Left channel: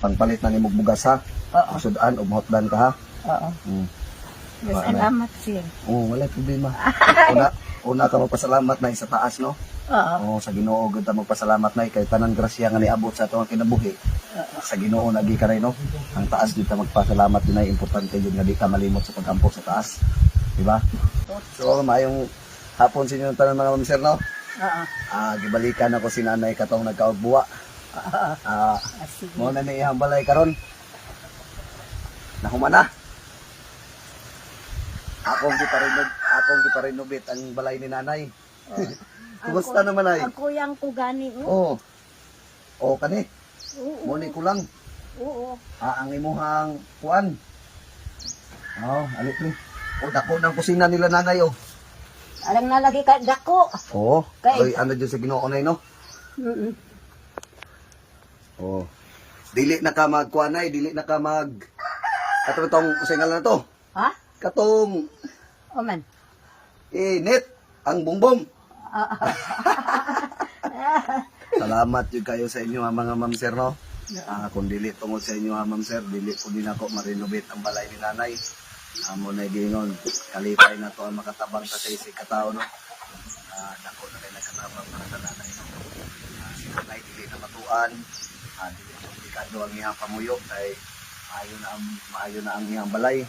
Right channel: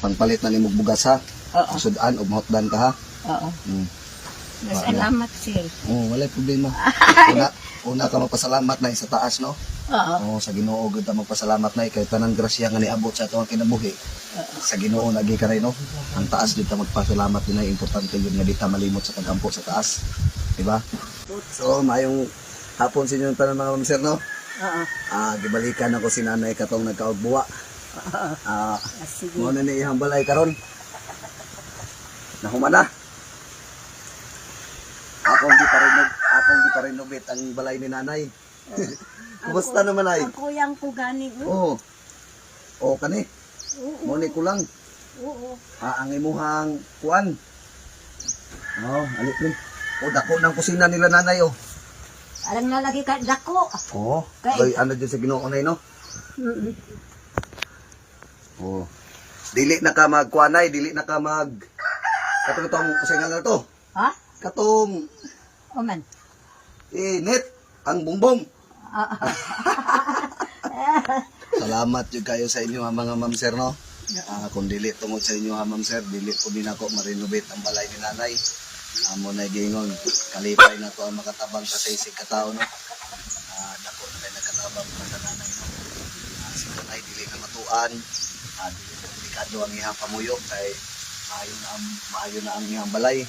pangpalit ng imong bugas ha. Oo. Sudan ug mahotdan ka ha. Oo. Salamat, sir. Wala problema. Una ka magpasalamat na sa taas no. Oo. Sa Ginoo gud ta magpasalamat na kay tanan grasya nga niabot sa atong kinabuhi. Sa Ginoo lagi ka rin no. Ang taas gid ta magpasalamat din ay importante yun nga di ta malimot sa pagampo sa taas. Di ba? So maayong hapon sa inyong tanan mga sir no. Oo. Gibalikan ako si nanay katong nagkaugbuwa. Oo. Sige. Mo na ni iyang balay karon. Mahumana. Akong giparinubit ang balay ni nanay. Kumusta naman ay? Ang kuyang ko gani ko. Kani. Oo. Mo ni kulang. Oo. Ang imuhang kuan. Alit ni. Dako ng kusina nila nanay Alam na lagi ka dako. Kay ano dyan sa Ginoo nay no? Dili na ka magkuanay, dili na ka mag katong tong usingal na to. Ha? Katong Oman. init ang bumbong. Salamat jud kayo sa inyo mga ma'am sir no. Kung dili tungod sa inyo ma'am sir, dili ko din ako marinovate ang balay ni nanay. Amo na dingon, kalipay na to ang makatabang sa isig katao no. Dako na lang nagkatabang sa nanay no. Si nanay dili na matuan, dili na delikado ang iyang pamuyo kay maayo na ang iyang balay.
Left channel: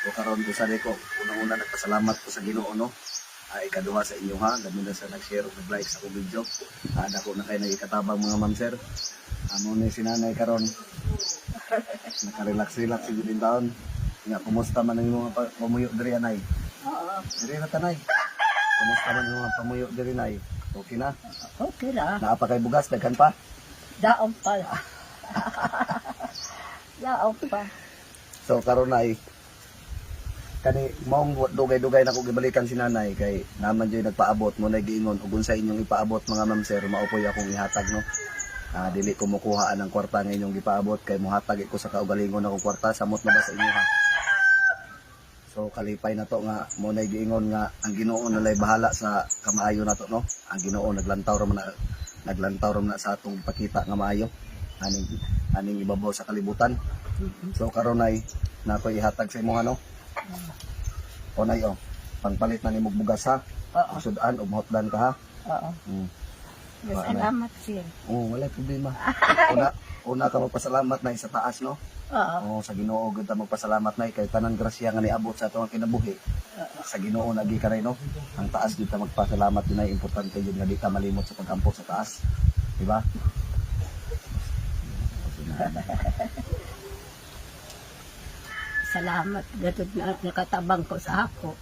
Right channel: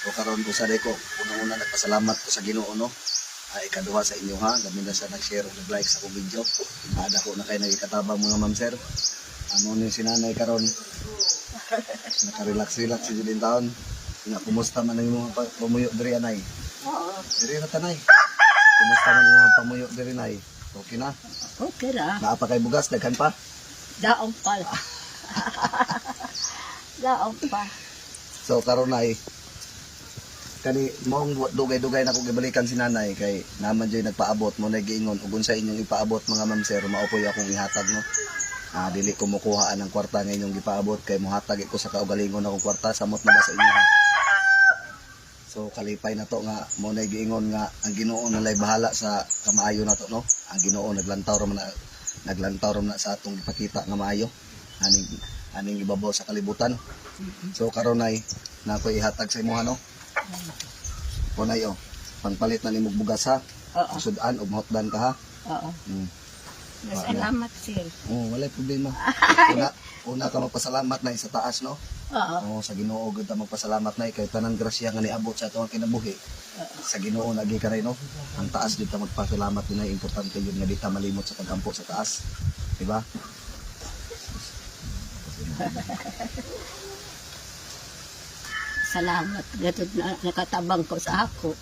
So karon ko sa deko, una-una nagpasalamat ko sa Ginoo no. Ikaduha sa inyo ha, dami na sa nag-share ug nag-like sa akong video. Dako na kay nagikatabang mga ma'am sir. Amo ni si nanay karon. Nakarelax-relax si din taon. Nga, kumusta man ang mga pamuyo diri anay? Oo. Diri ra tanay. Kumusta man ang mga pamuyo diri nay? Okay na? Okay ra. Naa pa kay bugas, daghan pa? Daong pa. Daong pa. So karon nay kani maong dugay-dugay na ko gibalikan si nanay kay naman jay nagpaabot mo na giingon ug sa inyong ipaabot mga ma'am sir maupoy akong ihatag no. Dili ko mukuha ang kwarta nga inyong gipaabot kay muhatag ko sa kaugalingon akong kwarta samot na ba sa inyo ha. So kalipay na to nga mo na giingon nga ang Ginoo nalay bahala sa kamaayo nato no. Ang Ginoo naglantaw ra na sa atong ipakita nga maayo aning ibabaw sa kalibutan. So karon nay nako ihatag sa imo no. Nay pangpalit ng imong bugas ha. Sudan ug mahotdan ka ha. Oo. Salamat, sir. Wala problema. Una ka magpasalamat na sa taas no. Sa Ginoo gud ta magpasalamat na kay tanan grasya nga niabot sa atong kinabuhi. Sa Ginoo lagi ka rin no. Ang taas gid ta magpasalamat din ay importante yun nga di ta malimot sa pagampo sa taas. Di ba? Salamat gatod na nakatabang ko sa ako.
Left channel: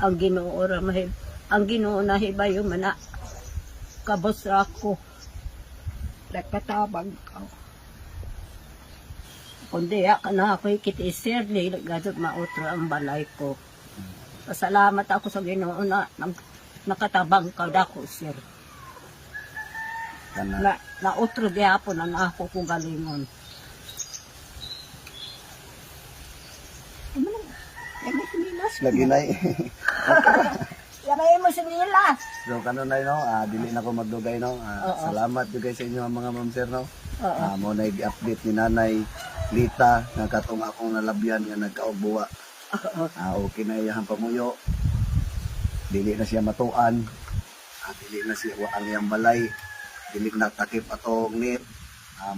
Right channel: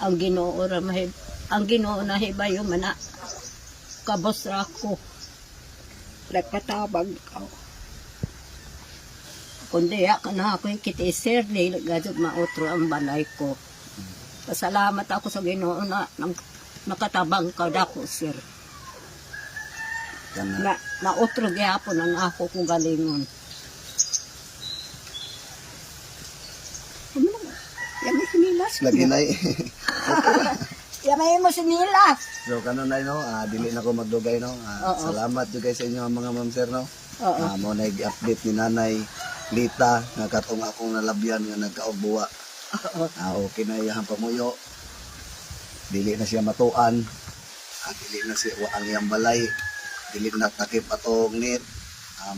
Ang Ginoo na hibayo man na kabos ra ko. Nagkatabang ko. Kundi ka na ako'y kiti-sir, gatod mautro ang balay ko. Pasalamat ako sa Ginoo na nakatabang ka dako, sir. Nautro gyapon na ako kung galingon. Yamay sinilas. Lagi nay. Yamay mo sinilas. So kanon nay no, dili na ko magdugay no. Salamat jud sa inyo mga ma'am sir no. Mo na i-update ni nanay Lita nga katong akong nalabyan nga nagkaugbuwa. Okay na iyang pamuyo. Dili na siya matuan. Dili na siya ang iyang balay. Dili na takip ato ngit.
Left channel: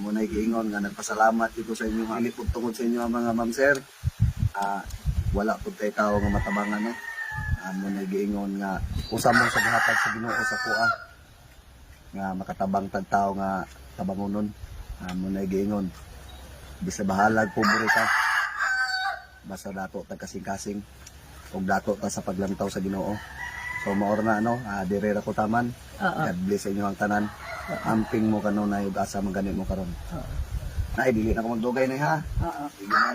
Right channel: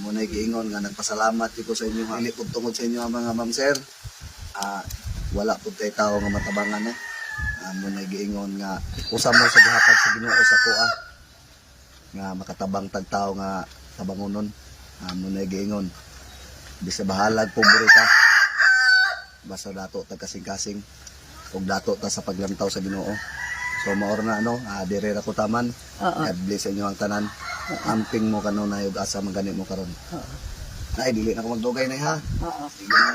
Mo na giingon nga nagpasalamat ko sa inyo ali pud tungod sa inyo mga ma'am sir. Wala pud tay tao nga matabangan mo na giingon nga usa mo sa gihatag sa Ginoo sa kuha nga makatabang tag tao nga tabangonon. Mo na giingon bisa bahalag pobre ka basta dato tag kasing-kasing ug dato ta sa paglantaw sa Ginoo. So maor na dire ra ko taman. God bless inyo ang tanan. Amping mo kanon na ug asa man ganit mo karon. Ay dili na ko magdugay na ha. Sige na.